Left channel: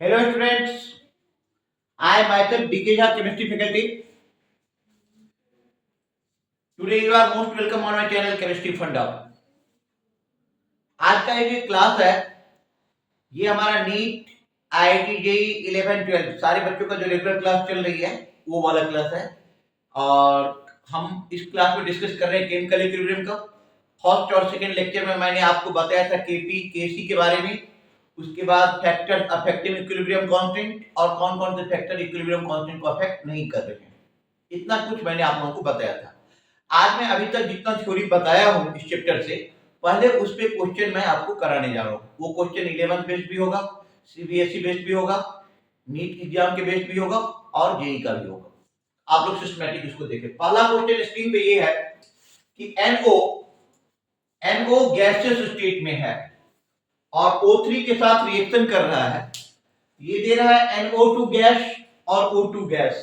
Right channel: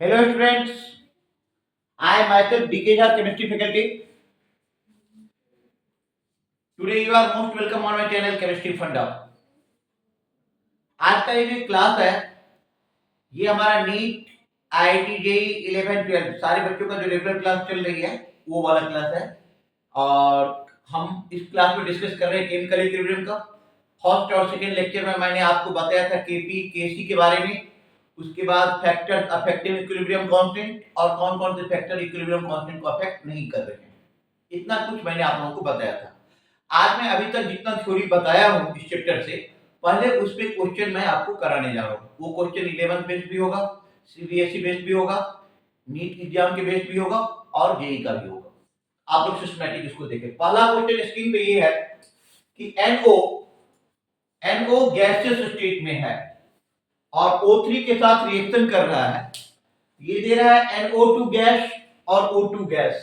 Hello students, I myself DK Jha chemistry faculty. Today you are most welcome on my channel Chemistry Funda. आज का ये class है, ये हमारा NEET IIT JEE 11-12 सारे बच्चों का जो रेगुलर क्लास चल रही है वो वाला क्लास है। और हम इस क्लास में डिस्कस कर रहे हैं केमिकल इक्विलिब्रियम का। फर्स्ट और सेकंड लेक्चर में मैंने आपको बताया था केपी केसी के बारे में, उसके बाद फैक्टर अफेक्टिंग इक्विलिब्रियम कांस्टेंट और कौन कौन से फैक्टर इक्विलिब्रियम कांस्टेंट को अफेक्ट नहीं कर रहे हैं, इतना कुछ मैंने आप लोगों को बताया था। आज मैं अभी तक जितना थ्योरी बताया हूं इस चैप्टर से, पहले उस पे क्वेश्चन मैं आपको कराने जा रहा हूं। वो क्वेश्चन 11 बेस्ड भी होगा, सीबीएसई बेस्ड भी होगा, नीट एग्जाम के बेस्ड भी होगा और जेईई का भी होगा। आप लोग सिस्टमैटिक इसको देखें। पहला क्वेश्चन स्क्रीन पे ये है कि NO गैसियस स्टेट में है और O3 के साथ रिएक्शन कर रहा है। ये दे रहा है NO2 गैस और O2 गैस।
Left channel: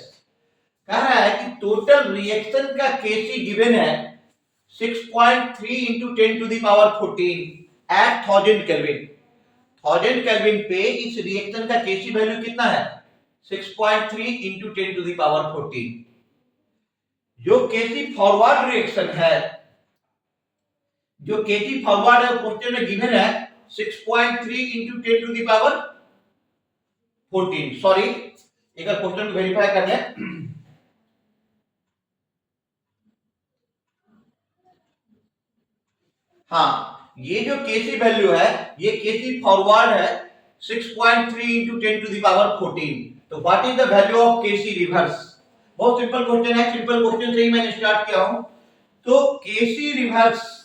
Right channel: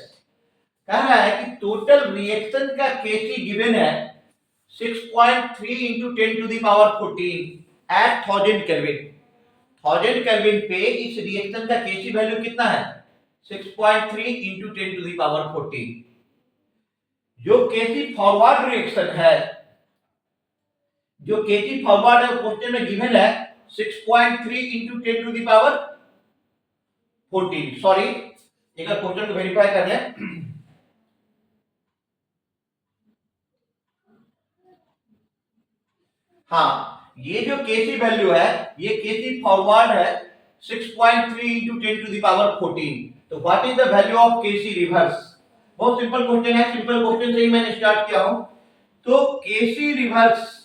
कह रहा है कि टोटल रिएक्शन का केसी गिवन है 6.3 into 10 to the power 14 at 1000 kelvin. 1000 kelvin पे इस रिएक्शन का केसी वैल्यू कितना है? 6.3 into 10 to the power 14। जो केसी फॉरवर्ड रिएक्शन है, जो केसी फॉरवर्ड है क्वेश्चन में गिवन है 6.3 into 10 to the power 14। Sorry, एक बार क्वेश्चन को वेरीफाई कर लें। हाँ, ये जो केसी वैल्यू है, ये केसी फॉरवर्ड है 6.3 into 10 to the power 14। तो what is the value of KC reverse? बहुत सिंपल क्वेश्चन है, सिंपल क्वेश्चन से ही मैंने स्टार्ट किया हूं। तो KC reverse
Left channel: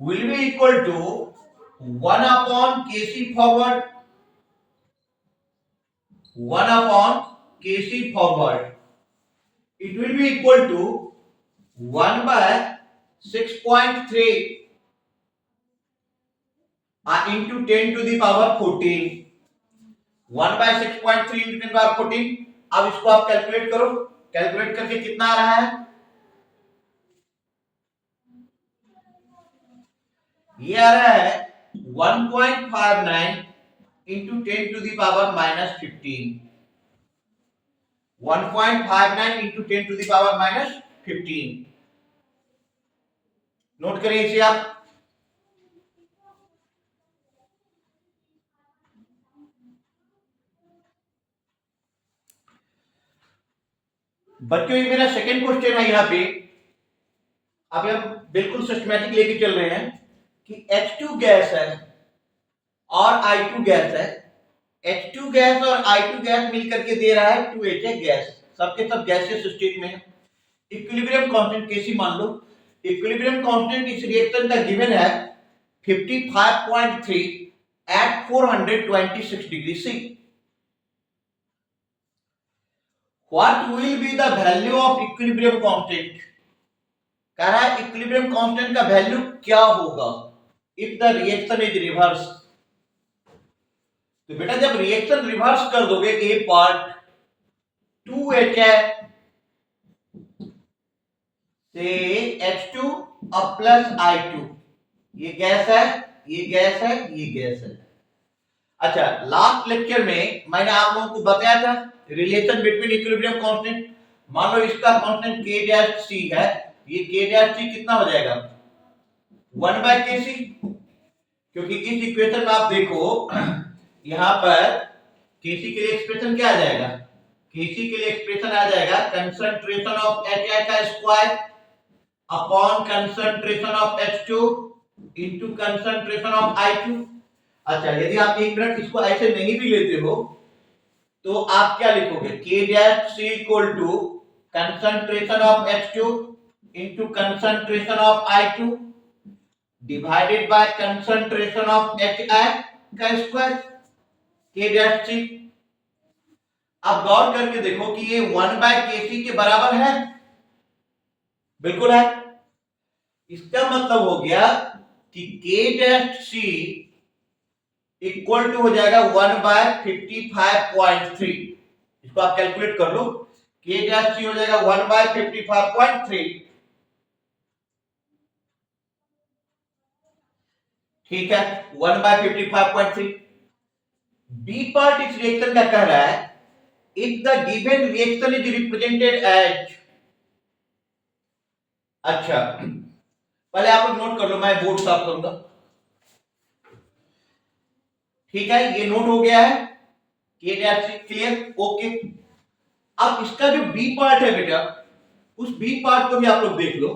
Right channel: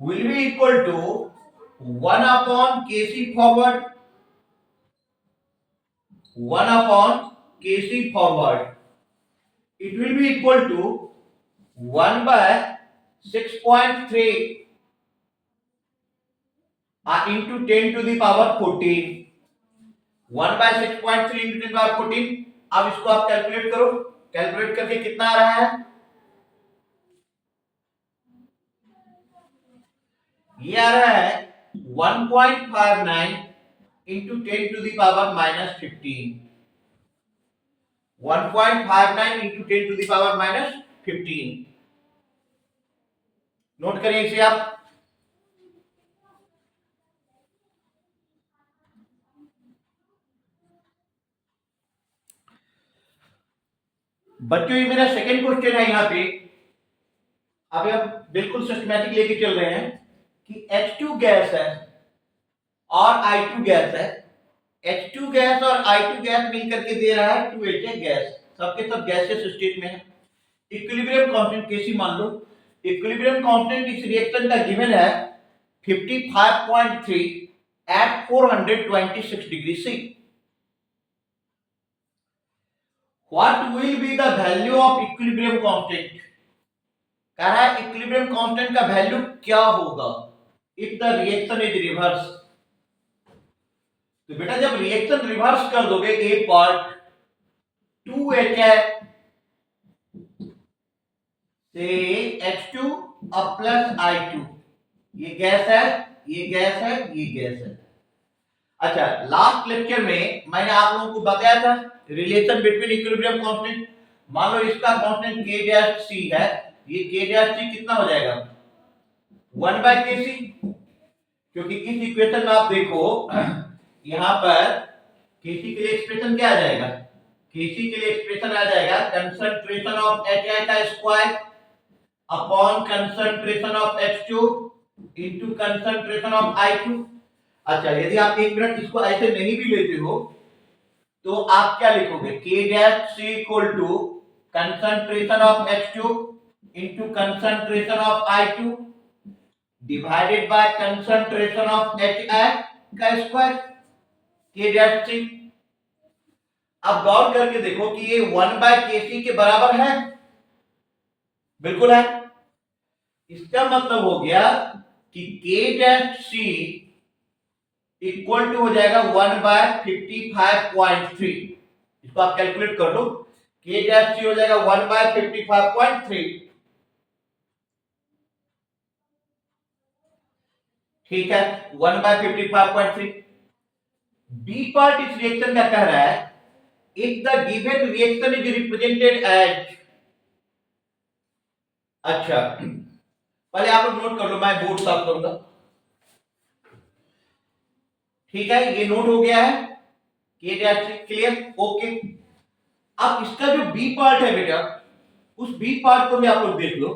will be equal to 1 upon kc forward, 1 upon kc forward, it will be equal to 1 by 6.3 into 10 to the power 14। 1 by 6.3 into 10 to the power 14। अब इसको आप कैलकुलेट करो, कैलकुलेट करके कितना आ रहा है? ये आ रहा है 1.59 into 10 to the power minus 15। 1.59 into 10 to the power minus 15। Note करिए इसे आप। बच्चों, ये मेरा सेकंड क्वेश्चन है। यहाँ पे अब हम बिल्कुल सिस्टमैटिक लेके चल रहे हैं कि H2 गैस है और I2 गैस है। H2 गैस और I2 गैस मिलकर के दे रहा है 2HA गैस। सबके सब गैसियस स्टेट में है। इक्विलिब्रियम कांस्टेंट केसी मान लो। इक्विलिब्रियम कांस्टेंट इस रिएक्शन का गिवन है 55.3 at 426 degree C। What will be the value of equilibrium constant? कह रहा है इक्विलिब्रियम कांस्टेंट का वैल्यू क्या होगा if the reaction is reverse. तो बेटा, जब रिएक्शन रिवर्स कर दोगे, ए पार्ट 2H है से H2 अब प्लस I2, ये गैस है, ये गैस है, ये गैस है। अच्छा, लास्ट लेक्चर में मैंने आप लोगों को बताया था रिलेशन बिटवीन इक्विलिब्रियम कांस्टेंट। मान लो इसका कांस्टेंट K' है, ये K' कितना हो जाएगा? 1 by Kc। क्योंकि इस इक्वेशन में आप देखो, यहां पर Kc के लिए एक्सप्रेशन क्या आ जाएगा? Kc के लिए एक्सप्रेशन आ जाएगा कंसंट्रेशन ऑफ HI का square upon concentration of H2 into concentration of I2। अच्छा, यदि आप एक मिनट इसको ऐसे नहीं भी लेते हो तो आप क्या लिखोगे? K' equal to concentration of H2 into concentration of I2 divided by concentration of HI का स्क्वायर K'। अब गौर करके देखो कि ये 1 by Kc के बराबर है। बिल्कुल है। इसका मतलब हो गया कि K' इक्वल टू हो जाएगा 1 by 55.3। इसको आप कैलकुलेट कर लो। K' हो जाएगा 1 by 55.3। ठीक है, 1/55.3। बी पार्ट इस रिएक्शन का कह रहा है if the given reaction is represented as, अच्छा पहले आप लोग नोट कर लो, मैं बोर्ड साफ करूंगा। ठीक है, ये नोट हो गया है, क्लियर, ओके। अब इसका जो बी पार्ट है बेटा, उस बी पार्ट को भी आप लोग देख लो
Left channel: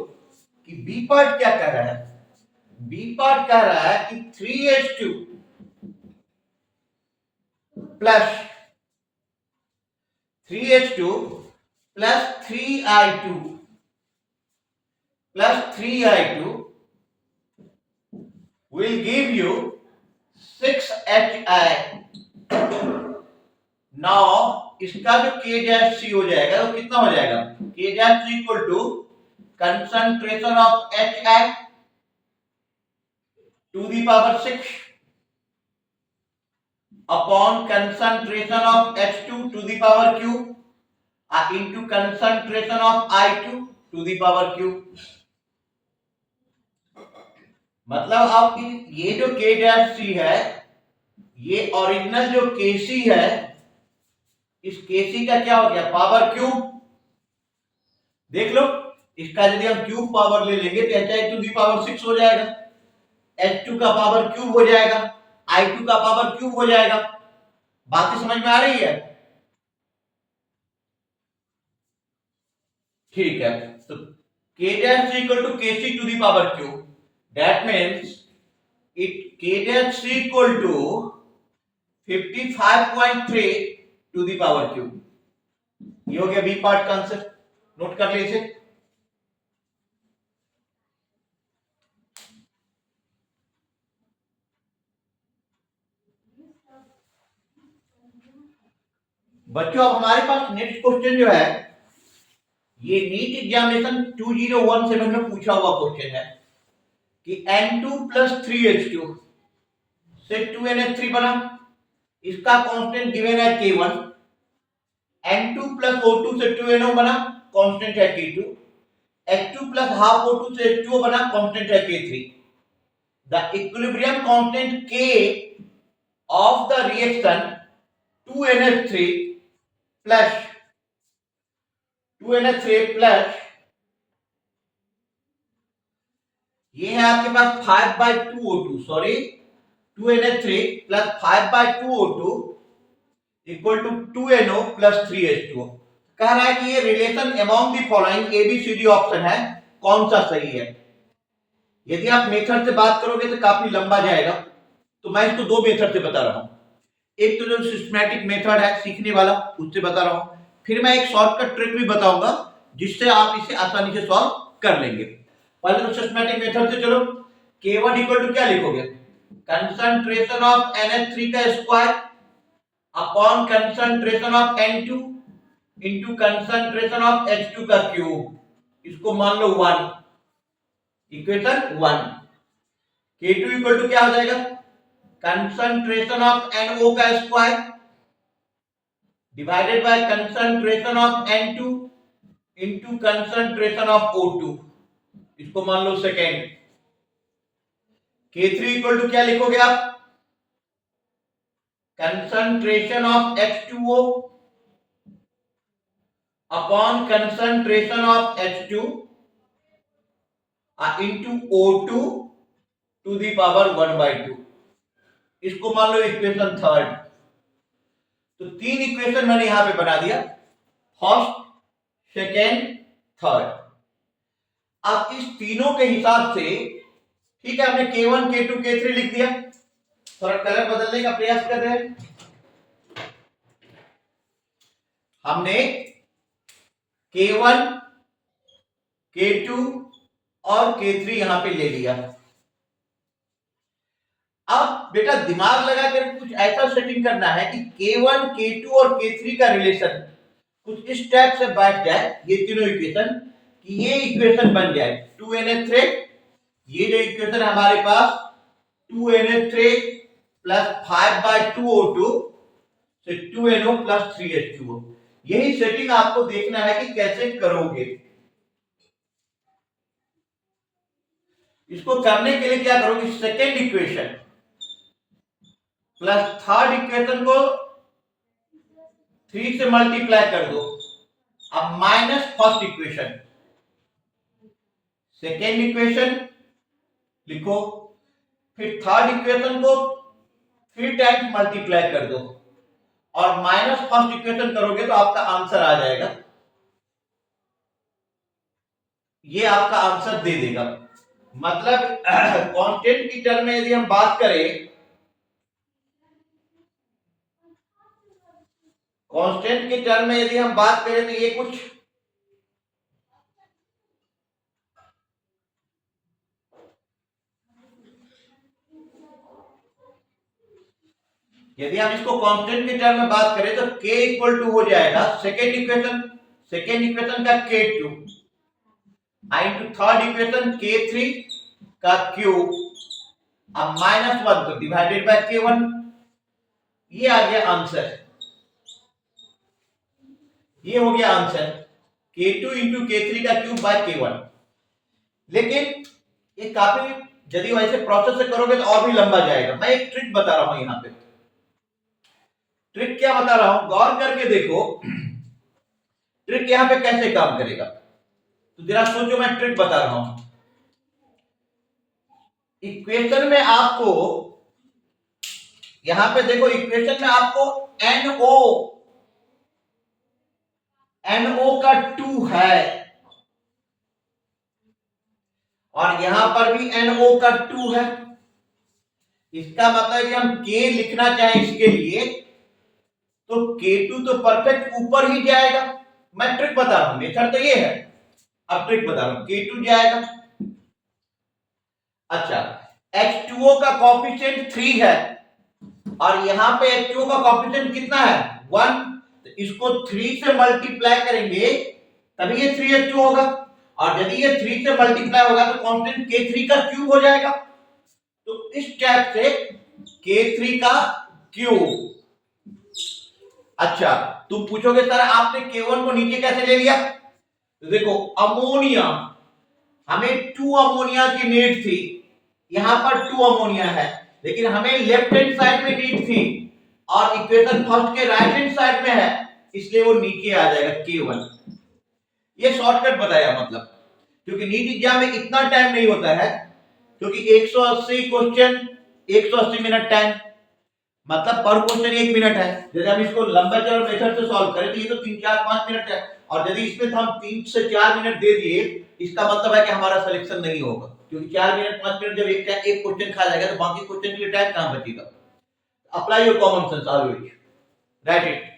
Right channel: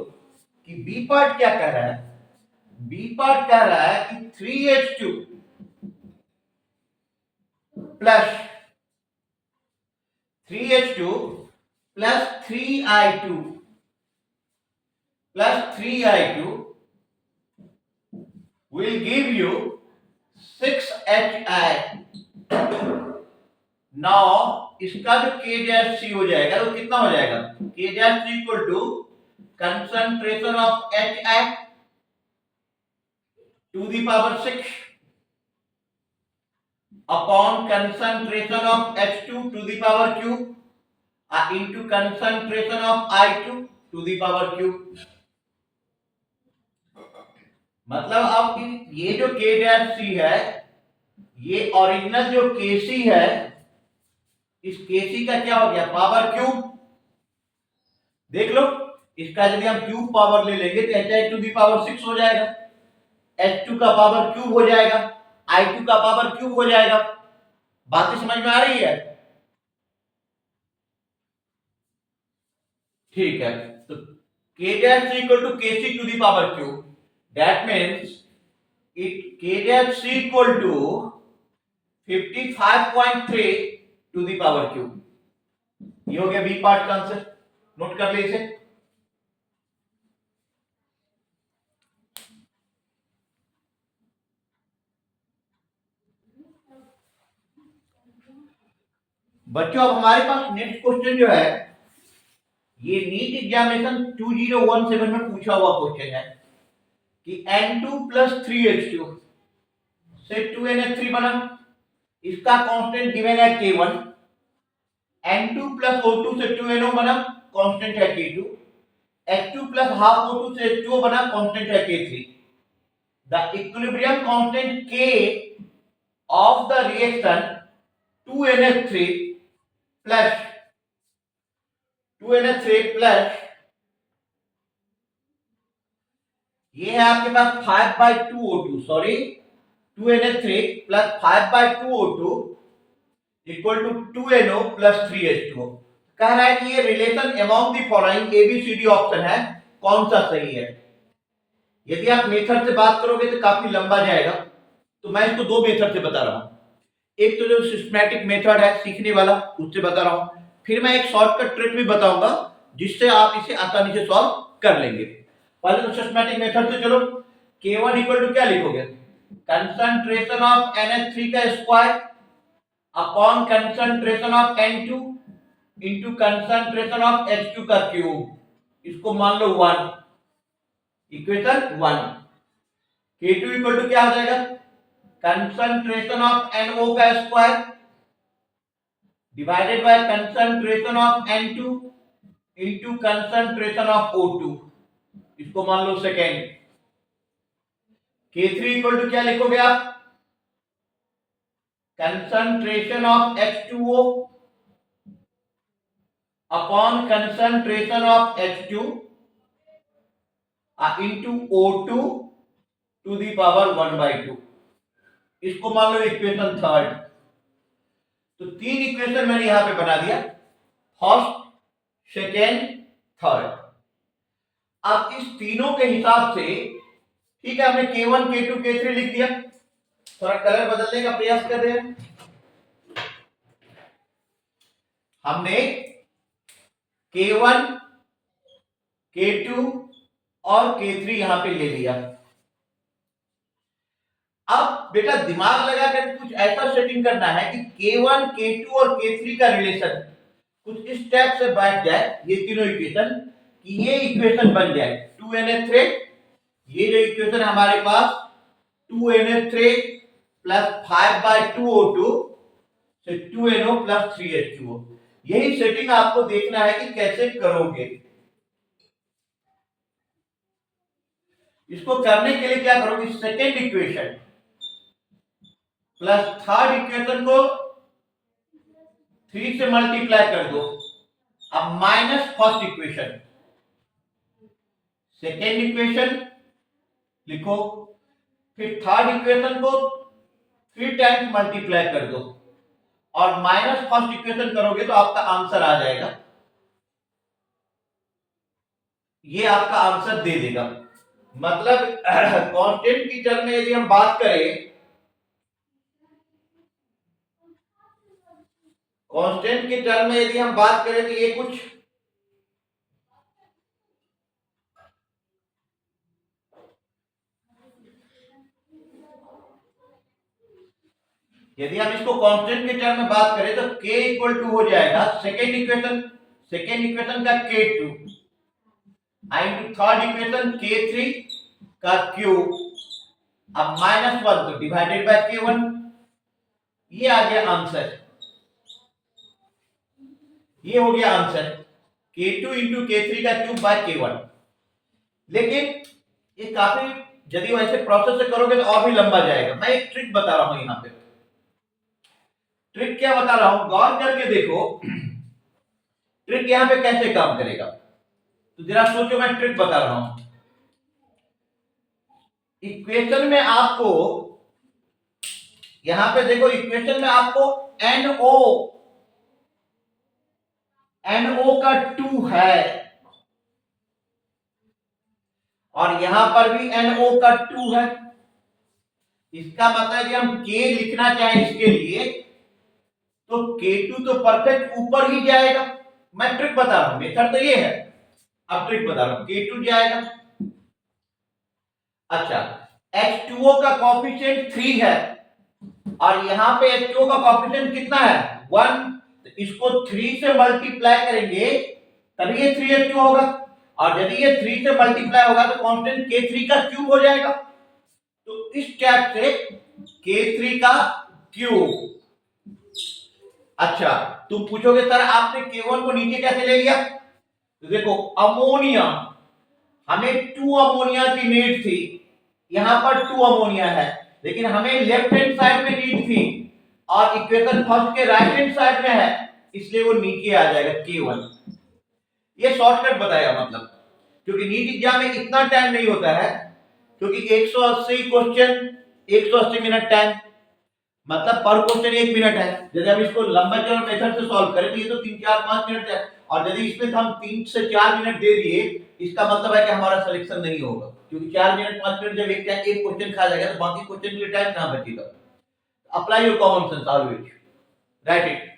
कि बी पार्ट क्या कह रहा है। बी पार्ट कह रहा है कि 3H2 plus 3H2 plus 3I2 plus 3I2 will give you 6HI। Now इसका जो K डैश C हो जाएगा वो कितना हो जाएगा, K dash C equal to concentration of HI to the power 6 upon concentration of H2 to the power Q into concentration of I2 to the power Q। मतलब अब ये जो K डैश C है, ये ओरिजिनल जो KC है, इस KC का क्या हो गया, पावर क्यूब। देख लो, इसका यदि हम क्यूब पावर ले लेंगे तो HI टू दी पावर 6 हो जाएगा, H2 का पावर क्यूब हो जाएगा, I2 का पावर क्यूब हो जाएगा। बातें समझ में आ रही है? ठीक है, तो K dash equal to KC to the power Q, that means it K dash equal to 55.3 to the power Q। ये हो गया बी पार्ट का आंसर, नोट कर ले इसे। बच्चों अब हमारे पास नेक्स्ट क्वेश्चन जो है, ये नीट एग्जामिनेशन 2017 में पूछा हुआ क्वेश्चन है कि N2 प्लस 3H2 से 2NH3 बना, इसका कांस्टेंट गिवन है K1। N2 प्लस O2 से 2NO बना, कांस्टेंट है K2। H2 plus half O2 से H2O बना, कांस्टेंट है K3। The equilibrium constant K of the reaction 2NH3 plus 2NH3 plus ये है आपके पास 5/2O2, sorry 2NH3 plus 5/2O2 equal to 2NO plus 3H2O। कह रहा है कि ये relation among the following ABCD option है, कौन सा सही है। यदि आप मेथड से बात करोगे तो काफी लंबा जाएगा, तो मैं इसको दो मेथड से बता रहा हूं। एक तो जो सिस्टमैटिक मेथड है सीखने वाला, उससे बता रहा हूं, फिर मैं एक शॉर्टकट ट्रिक भी बताऊंगा जिससे आप इसे आसानी से सॉल्व कर लेंगे। पहले तो सिस्टमैटिक मेथड से चलो। K1 इक्वल टू क्या लिखोगे, कंसंट्रेशन ऑफ NH3 का square upon concentration of N2 into concentration of H2 का क्यूब, इसको मान लो 1, इक्वेशन 1। K2 इक्वल टू क्या हो जाएगा, कंसंट्रेशन ऑफ NO का square divided by concentration of N2 into concentration of O2, इसको मान लो सेकेंड। K3 इक्वल टू क्या लिखोगे आप, concentration of H2O upon concentration of H2 into O2 to the power 1/2, इसको मान लो इक्वेशन थर्ड। तो तीन इक्वेशन मैंने यहां पे बना दिया, फर्स्ट, सेकेंड, थर्ड। अब इस तीनों के हिसाब से, ठीक है, हमने K1 K2 K3 लिख दिया। थोड़ा कलर बदलने का प्रयास कर रहे हैं। हमने K1 K2 और K3 यहां पे ले लिया। अब बेटा दिमाग लगाकर कुछ ऐसा सेटिंग करना है कि K1 K2 और K3 का रिलेशन कुछ इस टाइप से बैठ जाए, ये तीनों इक्वेशन, कि ये इक्वेशन बन जाए 2NH3। ये जो इक्वेशन हमारे पास 2NH3 प्लस 5/2O2 से 2NO प्लस 3H2O, यही सेटिंग आपको देखना है कि कैसे करोगे। इसको करने के लिए क्या करोगे, second equation plus third equation को 3 से मल्टीप्लाई कर दो। अब minus first equation, second equation लिखो, फिर थर्ड इक्वेशन को 3 टाइम्स मल्टीप्लाई कर दो और माइनस फर्स्ट इक्वेशन करोगे तो आपका आंसर आ जाएगा। ये आपका आंसर दे देगा। मतलब कांस्टेंट की टर्म में यदि हम बात करें, कांस्टेंट की टर्म में यदि हम बात करें तो ये कुछ यदि हम इसको कांस्टेंट की टर्म में बात करें तो k इक्वल टू हो जाएगा सेकेंड इक्वेशन का k2 into third equation k3 का क्यूब, अब -1 तो डिवाइडेड बाय k1। ये आ गया आंसर, ये हो गया आंसर k2 इंटू k3 का क्यूब बाय k1। लेकिन ये काफी, यदि वैसे प्रोसेस से करोगे तो और भी लंबा जाएगा। मैं एक ट्रिक बता रहा हूं, यहां पे ट्रिक क्या बता रहा हूं, गौर करके देखो ट्रिक यहां पे कैसे काम करेगा। तो जरा सोचो, मैं ट्रिक बता रहा हूं। इक्वेशन में आपको, यहां पे देखो इक्वेशन में आपको NO का 2 है और यहां पर भी NO का 2 है। इसका मतलब कि हम K लिखना चाहें इसके लिए तो K2 तो परफेक्ट ऊपर ही जाएगा। मैं ट्रिक बता रहा हूं, मेथड तो ये है, अब ट्रिक बता रहा हूं। K2 जाएगा, अच्छा H2O का कोएफिशिएंट 3 है और यहां पे H2O का कोएफिशिएंट कितना है, 1। तो इसको 3 से मल्टीप्लाई करेंगे तभी ये 3H2 होगा, और यदि ये 3 से मल्टीप्लाई होगा तो कांस्टेंट K3 का क्यूब हो जाएगा। तो इस टाइप से K3 का क्यूब। अच्छा, तुम पूछोगे सर आपने K1 को नीचे कैसे ले लिया, तो देखो अमोनिया, हमें 2 अमोनिया की नीड थी, यहां पर 2 अमोनिया है, लेकिन हमें लेफ्ट हैंड साइड में नीड थी और इक्वेशन फर्स्ट के राइट हैंड साइड में है, इसलिए वो नीचे आ जाएगा K1। ये शॉर्टकट बताया, मतलब क्योंकि नीट एग्जाम में इतना टाइम नहीं होता है, क्योंकि 180 क्वेश्चन 180 मिनट टाइम, मतलब पर क्वेश्चन 1 मिनट है। यदि हम इसको लंबा चौड़ा मेथड से सॉल्व करें तो ये तो 3 4 5 मिनट है, और यदि इसमें हम 3 से 4 मिनट दे दिए, इसका मतलब है कि हमारा सिलेक्शन नहीं होगा, क्योंकि 4 मिनट 5 मिनट जब एक क्वेश्चन खा जाएगा तो बाकी क्वेश्चन के लिए टाइम कहां बचेगा। Apply your common sense always, right it.